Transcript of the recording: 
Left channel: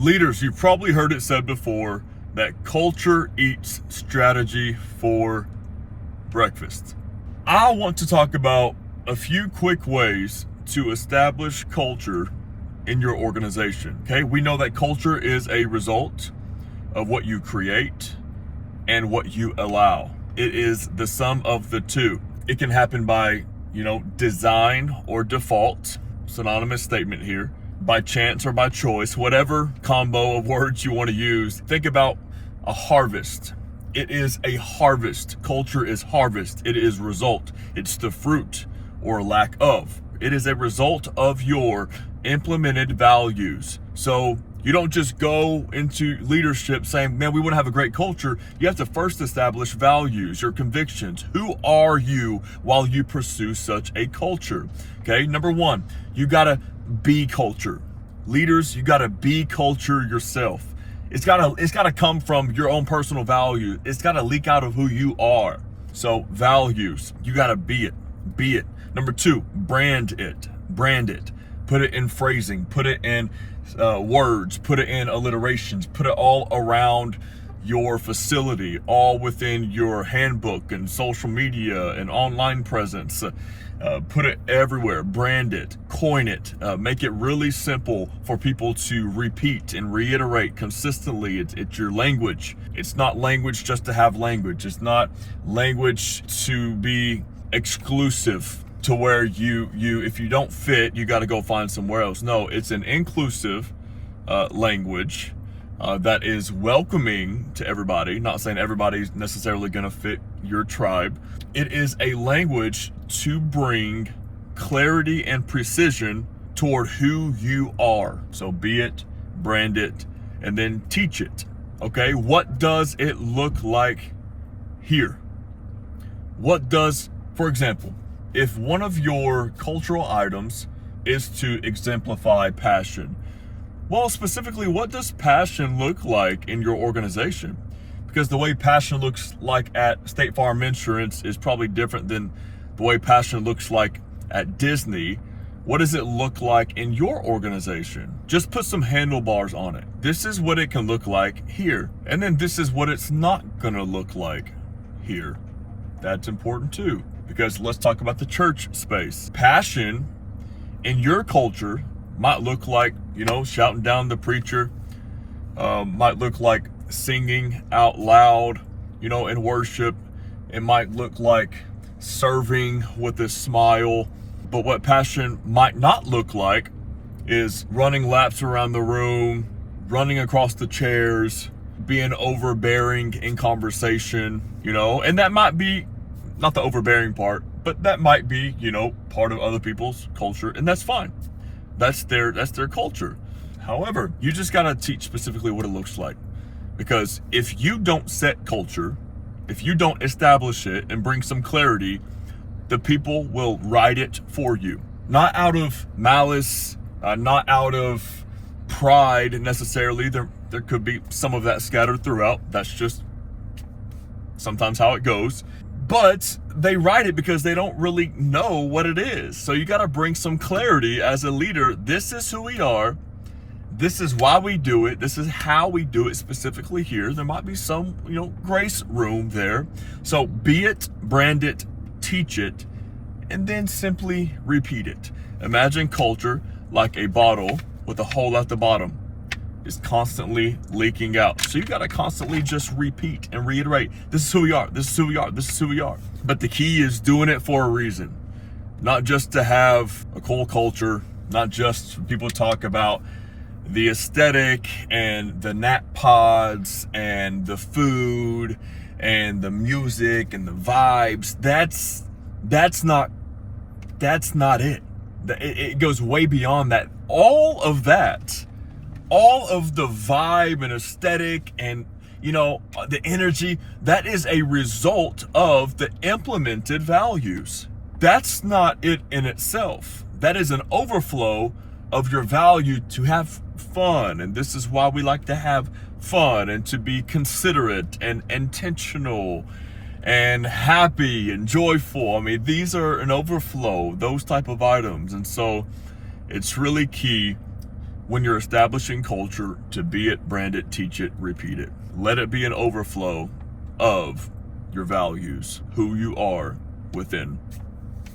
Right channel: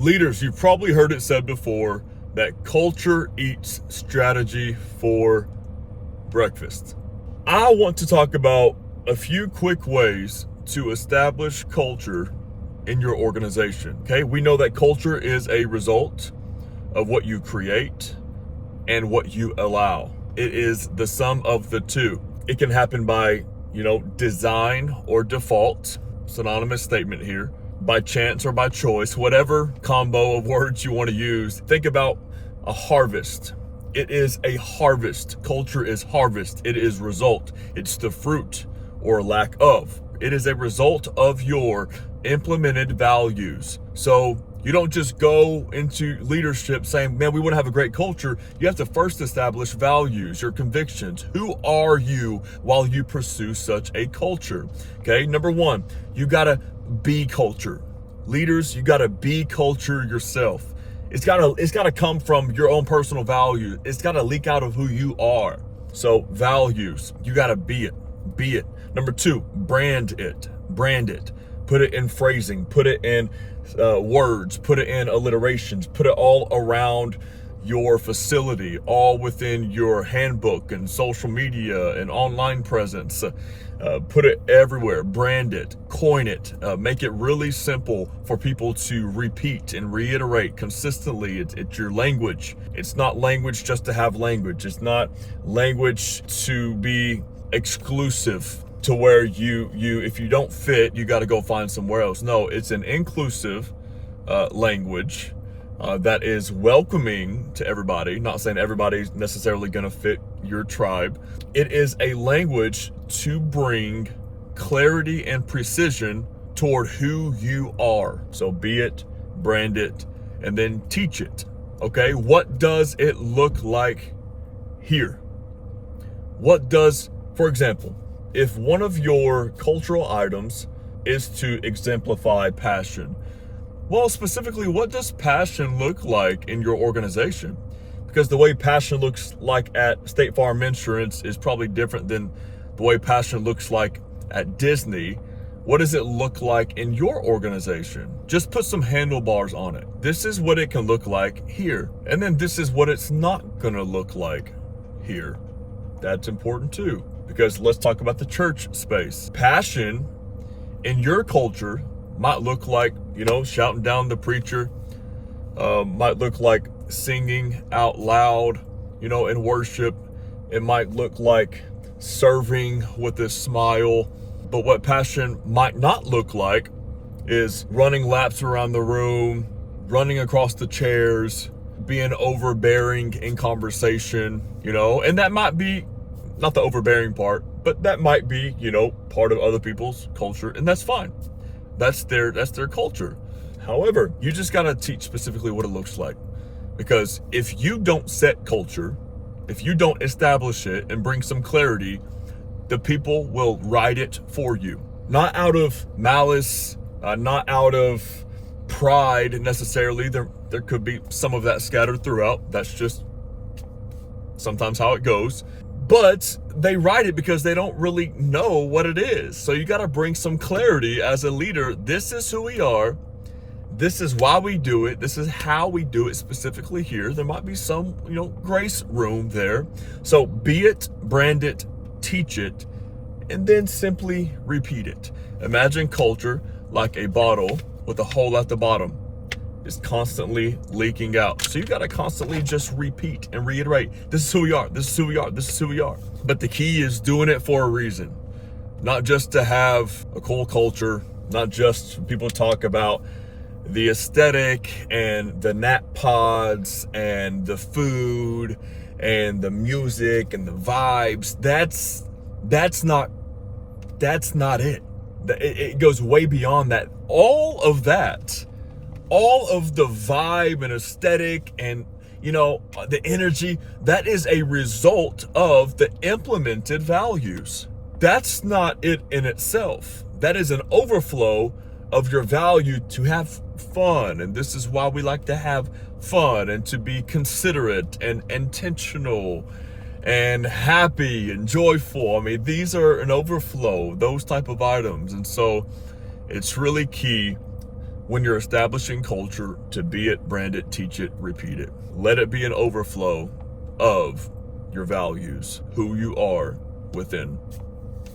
Leaders, you've probably heard it said before that culture eats strategy for breakfast. I want to talk about a few quick ways to establish culture in your organization. Okay, we know that culture is a result of what you create and what you allow. It is the sum of the two. It can happen by, design or default, synonymous statement here, by chance or by choice, whatever combo of words you want to use. Think about a harvest. It is a harvest. Culture is harvest. It is result. It's the fruit or lack of. It is a result of your implemented values. So you don't just go into leadership saying, man, we want to have a great culture. You have to first establish values, your convictions. Who are you while you pursue such a culture? Okay, number one, you got to be culture. Leaders, you got to be culture yourself. It's gotta come from your own personal value. It's gotta leak out of who you are. So values, you gotta be it. Number two, brand it. Put it in phrasing, put it in words, put it in alliterations, put it all around your facility, all within your handbook and social media and online presence. Put it everywhere, brand it, coin it, make it really simple for people to repeat and reiterate consistently. It's your language. It's not language just to have language. It's not language to be exclusive to where you if you don't fit, you got to go find somewhere else. No, it's an inclusive language that is welcoming to everybody. Not saying everybody's necessarily going to fit your tribe. It is a language to bring clarity and precision toward who you are. So be it, brand it, and then teach it. Okay, what does it look like here? For example, if one of your cultural items is to exemplify passion, well, specifically, what does passion look like in your organization? Because the way passion looks like at State Farm Insurance is probably different than the way passion looks like at Disney. What does it look like in your organization? Just put some handlebars on it. This is what it can look like here. And then this is what it's not gonna look like here. That's important too, because let's talk about the church space. Passion in your culture might look like, shouting down the preacher, might look like singing out loud, in worship. It might look like serving with a smile. But what passion might not look like is running laps around the room, running across the chairs, being overbearing in conversation, and that might be not the overbearing part, but that might be, part of other people's culture, and that's fine. That's their culture. However, you just got to teach specifically what it looks like. Because if you don't set culture, if you don't establish it and bring some clarity, the people will write it for you. Not out of malice, not out of pride necessarily. There could be some of that scattered throughout. That's just sometimes how it goes. But they write it because they don't really know what it is. So you got to bring some clarity as a leader. This is who we are. This is why we do it. This is how we do it specifically here. There might be some, grace room there. So be it, brand it, teach it, and then simply repeat it. Imagine culture like a bottle with a hole at the bottom. Is constantly leaking out. So you got to constantly just repeat and reiterate. This is who we are. This is who we are. This is who we are. But the key is doing it for a reason. Not just to have a cool culture. Not just people talk about the aesthetic and the nap pods and the food and the music and the vibes. That's not it. It goes way beyond that. All of the vibe and aesthetic and, the energy, that is a result of the implemented values. That's not it in itself. That is an overflow of your value to have fun. And this is why we like to have fun and to be considerate and intentional and happy and joyful. I mean, these are an overflow, those type of items. And so it's really key when you're establishing culture, to be it, brand it, teach it, repeat it. Let it be an overflow of your values, who you are within.